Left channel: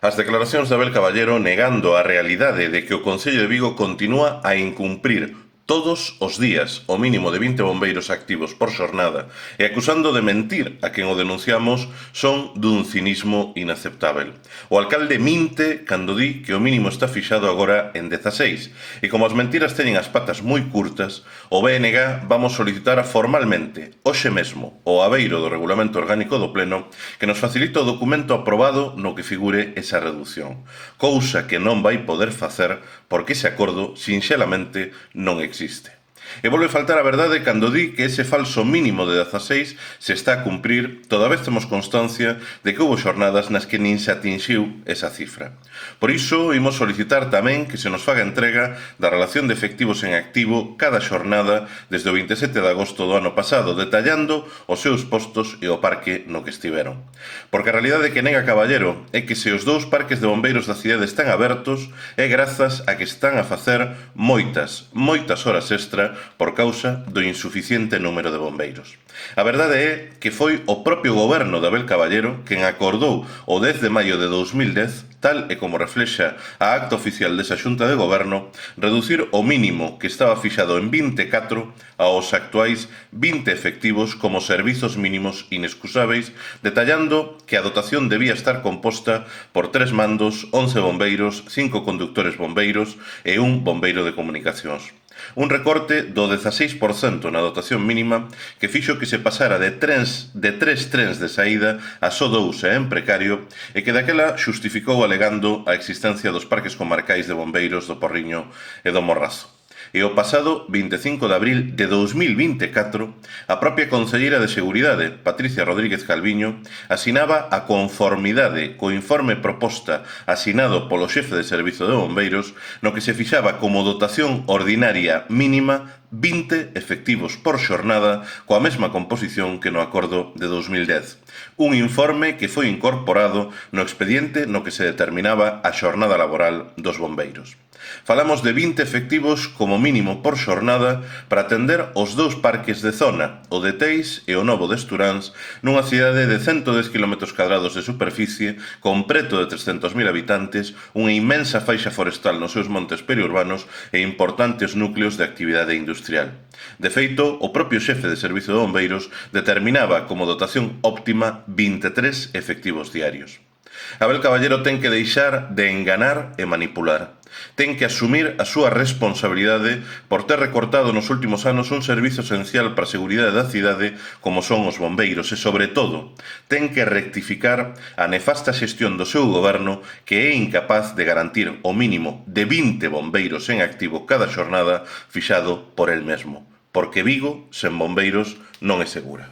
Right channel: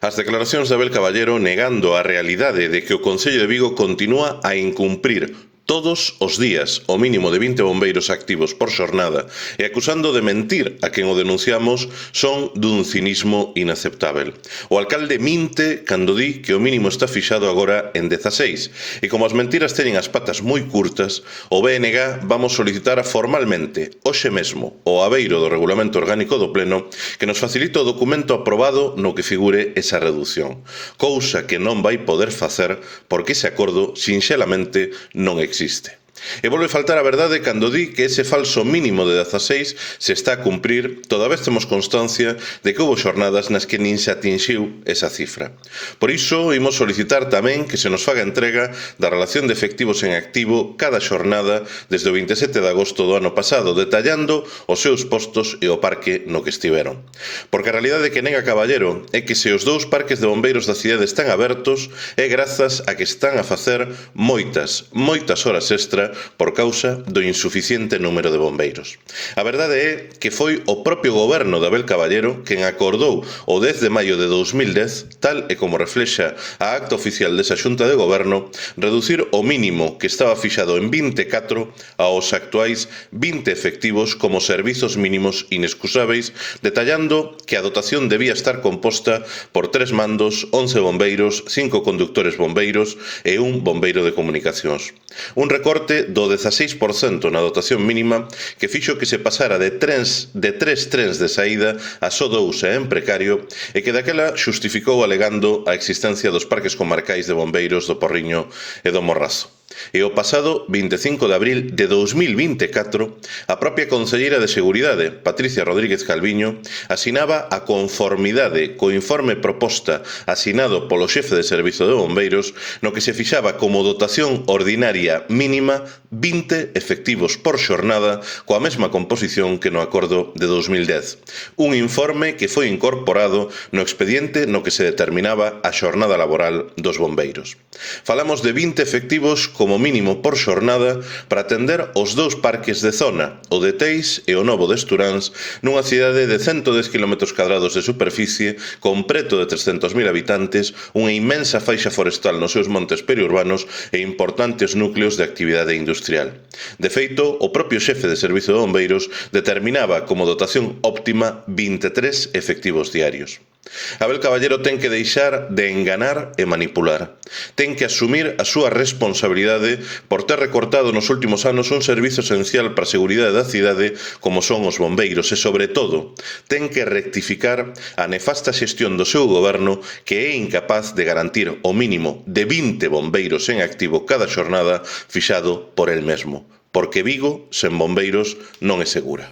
As declaracións de Abel Caballero negando a realidade de que o Concello de Vigo continúa a incumprir todos os días o mínimo de 20 bombeiros activos por xornada e acusando de mentir a quen o denunciamos son dun cinismo inaceptável. O alcalde minte cando di que o mínimo está fixado agora en 16 e como as mentiras teñen as patas moi curtas, o BNG vamos solicitar formalmente hoxe mesmo ao abeiro do Regulamento Orgánico do Pleno que nos facilite o documento aprobado no que figure esa reducción, cousa que non vai poder facer porque ese acordo sinxelamente non existe. E volve faltar a verdade cando di que ese falso mínimo de 16 se está a cumprir, toda vez temos constancia de que houbo xornadas nas que nin se atinxiu esa cifra. Por iso, imos solicitar tamén que se nos faga entrega da relación de efectivos en activo cada xornada desde o 27 de agosto do ano pasado, detallando os seus postos e o parque no que estiveron. Porque a realidade que nega Caballero é que se os dous parques de bombeiros da cidade están abertos é grazas a que están a facer moitas horas extra por causa do insuficiente número de bombeiros. A verdade é que foi o propio goberno de Abel Caballero quen acordou o 10 de maio de 2010, tal e como reflexa a acta oficial desa xunta de goberno, reducir o mínimo que estaba fixado en 24 aos actuais 20 efectivos como servizos mínimos inexcusáveis, detallando que a dotación debía estar composta por 3 mandos, 11 bombeiros, 5 conductores bombeiros e un bombeiro de comunicacións. Un recorte do 16% na dotación mínima que fixo que se pasara de 3 trens de saída a só 2 e en precario e que daquela xustificou alegando a existencia dos parques comarcais de bombeiros do Porriño e do Morrazo. E o pasado 25 de abril de 2024, a propia conselleira de Seguridade, Patricia Rodríguez Calviño, asinaba a conformidade co informe proposta asinado polo xefe de Servizo de Bombeiros no que se fixaba como dotación ordinaria mínima 20 efectivos por xornada coa mesma composición que no acordo de 2010. Un informe que foi incorporado no expediente no que se determinaba a xornada laboral dos bombeiros. Falamos de 20 efectivos como mínimo por xornada para atender os dous parques de zona, o de Teis e o novo de Esturáns, nunha cidade de 110 km² de superficie, con preto de 300.000 habitantes, unha inmensa faixa forestal nos seus montes periurbanos e importantes núcleos de actividade industrial. De feito, o propio xefe de Servizo de Bombeiros determinaba como dotación óptima 23 efectivos diarios. Abel Caballero ten que deixar de enganar e manipular. Ten que asumir a súa responsabilidade por ter recortado nos últimos anos un servizo esencial para a seguridade da cidade como son os bombeiros e, sobre todo, ten que rectificar a nefasta xestión do seu goberno que é incapaz de garantir o mínimo de 20 bombeiros en activo cada xornada fixado por el mesmo. Porque Vigo, sen bombeiros, non é segura.